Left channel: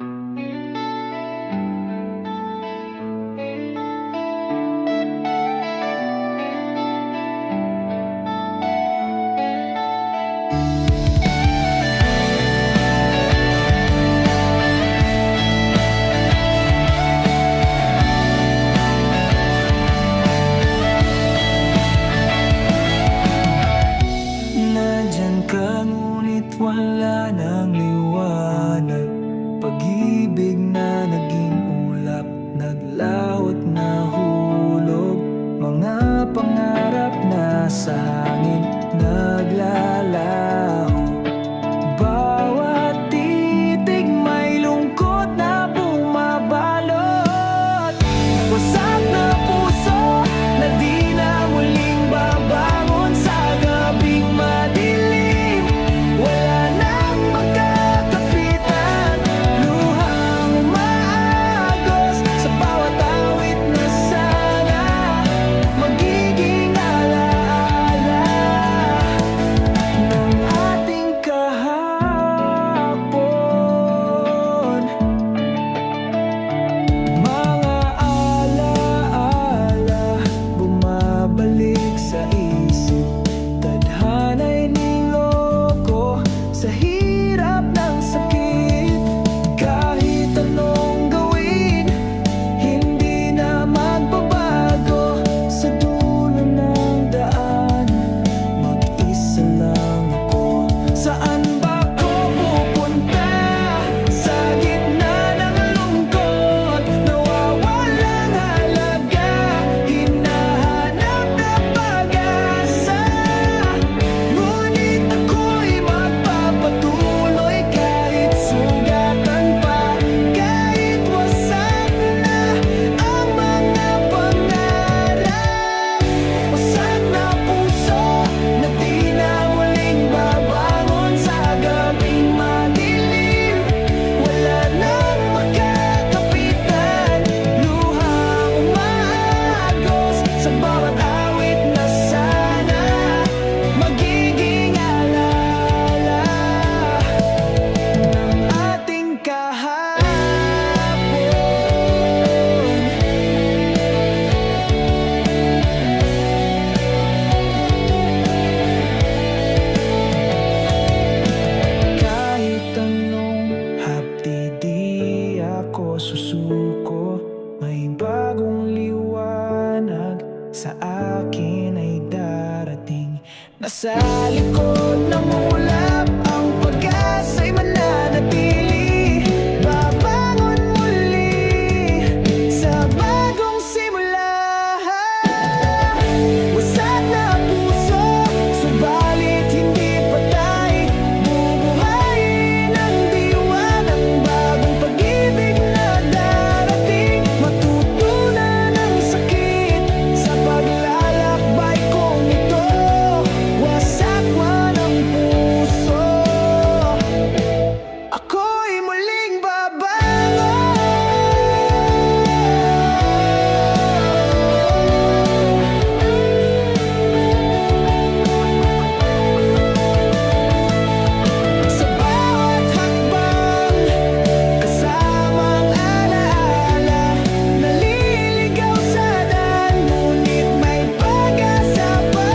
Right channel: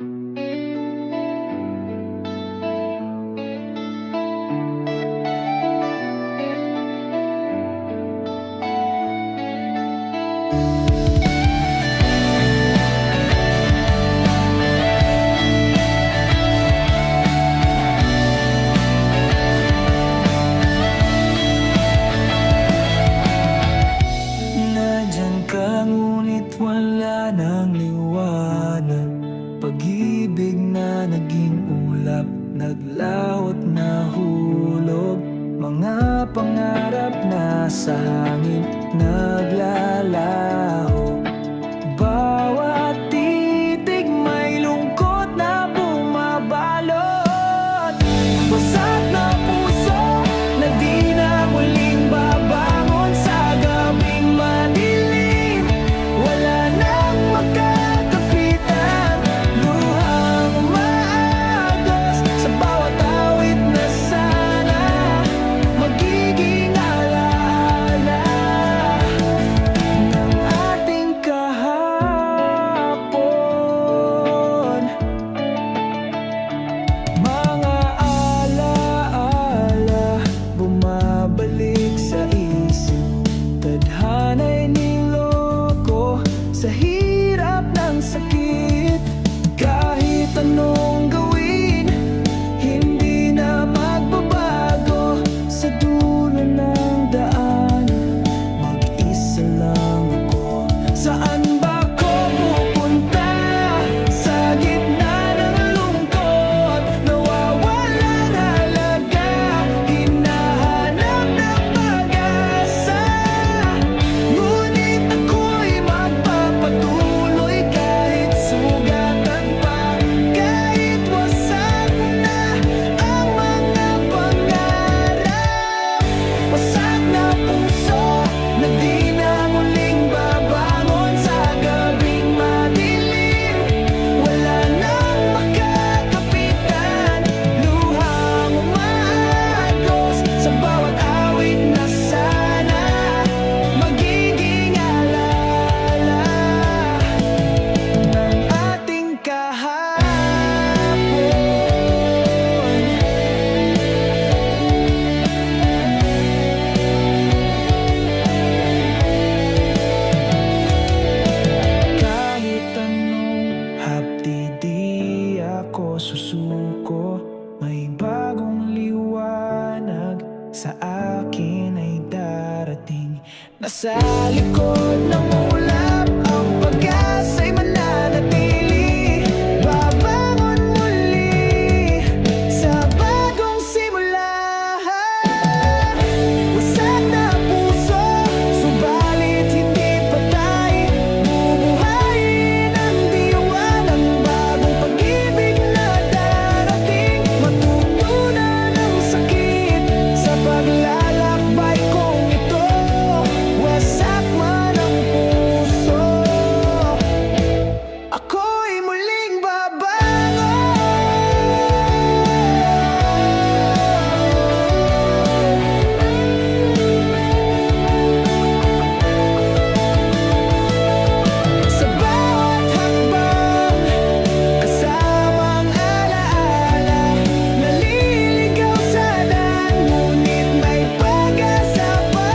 Nandyan ka ngunit wala ng liwanag. Pag-ibig na naging ulap, naglawot na hulog. Mga pangarap na sa hangin naglalaho. Bawat titig may lungkot na bumabalot. Wasak na puso na di na muling babangon sa gabing madilim. Wala nang magkakapitan, luhang umaagos sa bawat awit na sana magiging alaala ng ating kahapon. Mga alaala bumabalik sa isip, tadhana'y niloko sa hirap ng sakit. Kahit anong gawin, hindi na magbabago. Sa dulo ng daan, mag-isa lang ako. Saan ba ko pupunta? Sa gitna ng lungkot, nawawalang halaga. Hinahanap na pag-asa, ngunit ako'y magpapatuloy kahit sugatan pa, kahit wasak na ang mga pangarap. Wasak na puso na di na muling babangon sa gabing madilim. Wala nang makakapitan, luhang umaagos sa bawat awit na sana magiging alaala ng ating kahapon. Kahit anong hapdi di ako susuko. May bagong liwanag sa akin ay darating. Nasa likod ng ulap ang pag-asa'y mananatili. Babangon muli sa bagong simula. Wasak na puso, subalit hindi patay. Bubuhayin ang diwa ng bagong pag-ibig na darating. Matutunan ang sakit sa paglalakbay kong ito. Wasak man ang puso, ako'y muling babangon. Sa bawat hakbang, kasamang alaala, naliligaw sa daan, ngunit may pag-asa pa.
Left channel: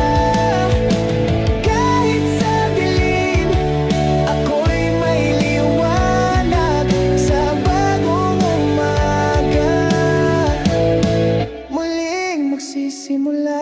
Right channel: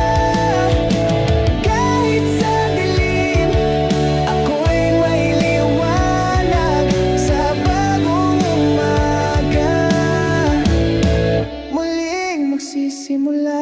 Kahit sa dilim, ako'y may liwanag sa bagong umaga. Muling magsisimula.